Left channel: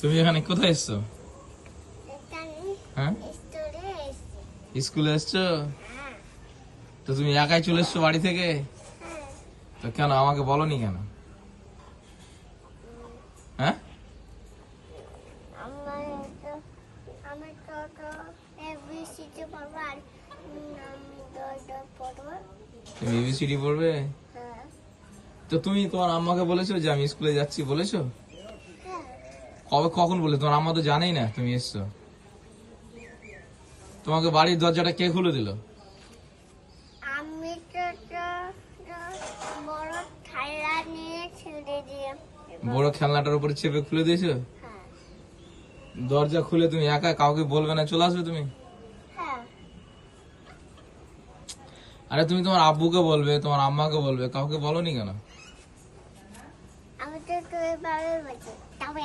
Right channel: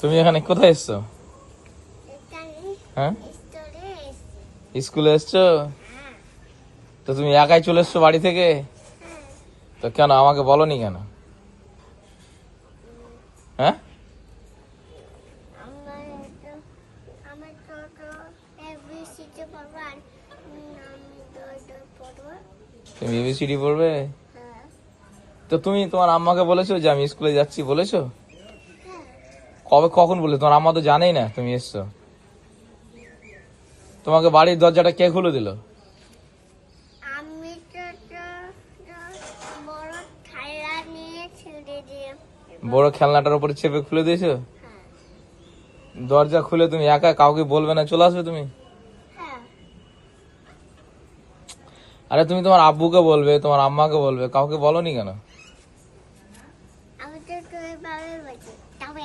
তুমি এখানে কোথায় এসছো? হ্যাঁ, স্কুলে এসছো? তো তুমি একাই চলে এসছো বাড়ি থেকে? তো কেন আমাকে বলনি কেন? হ্যাঁ, তুমি এবিসিডি পড়বে? তো তুমি তোমার আম্মাকে বলেছো যে আমি স্কুলে যাচ্ছি, বলেছো? কবে, কখন বলে? তোমার আম্মা তো জানেই না তুমি এসছো। তোমাকে বাড়ির দরজাটা কে খুলে দিল? আমি বড় খেলা নিয়ে ছেড়ে দিয়ে বড় খেলনাটার উপরে চেপে খুলে দিয়েছো? দরজা খুলে তুমি একা, কাউকে বলবে না, চলে আসবে তুমি? আরে তুমি তোমার আব্বুকে বলবে, তোমার আম্মাকে বলবে, কাউকে বলনি কেন? আমি তো তোর বাবা বলছি তবে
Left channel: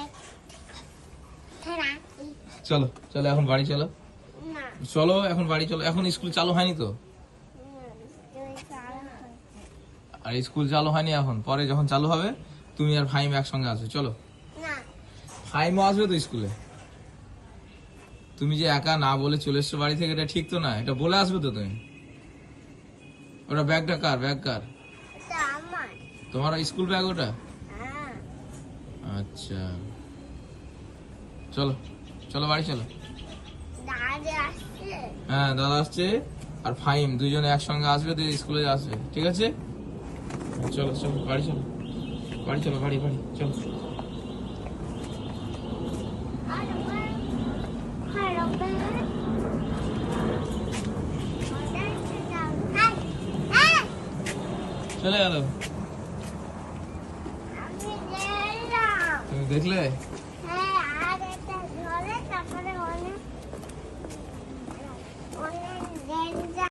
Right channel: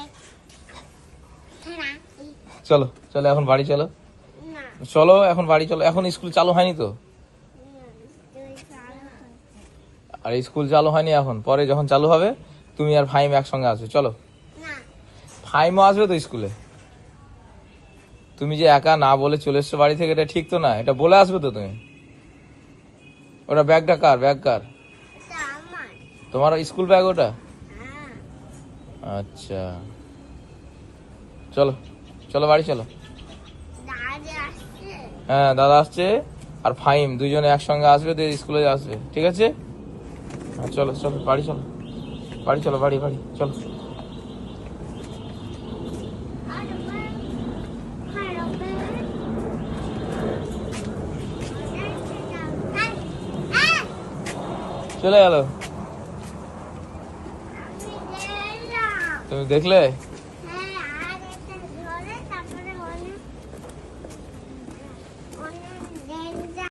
চলো চলো এখন বাড়ি চলো, না চলো এখন বাড়ি চলো। এখন স্কুল চালু হয়নি তো? আর স্কুল চালু হয়নি এখন, পরে যখন চালু হবে তুমি আর ফাইম একসঙ্গে আসবে। চলো, না ফাইমও আসবে তো স্কুলে। তুমি যে একা না বলে চলে এসছো বাড়ি থেকে, এটা ঠিক তো না, এটা বলে আসবে তো তুমি। ওটা ব্যাগটা কার? ব্যাগ কার? এটা আমার তোমার স্কুল ব্যাগ ওটা? হ্যাঁ আচ্ছা, চলো চলো বাড়ি চলো। দাদা আসছে হ্যাঁ, দাদা আসছে আর ফাইম দুজনে একসঙ্গে আসবে, দিয়ে স্কুলে আসবে, ঠিক আছে? হ্যাঁ, চলো চলো বাড়ি চলো, বাড়ি চলো, বাড়ি বাড়ি চলো। চলে গেল। তুমি দেখলে?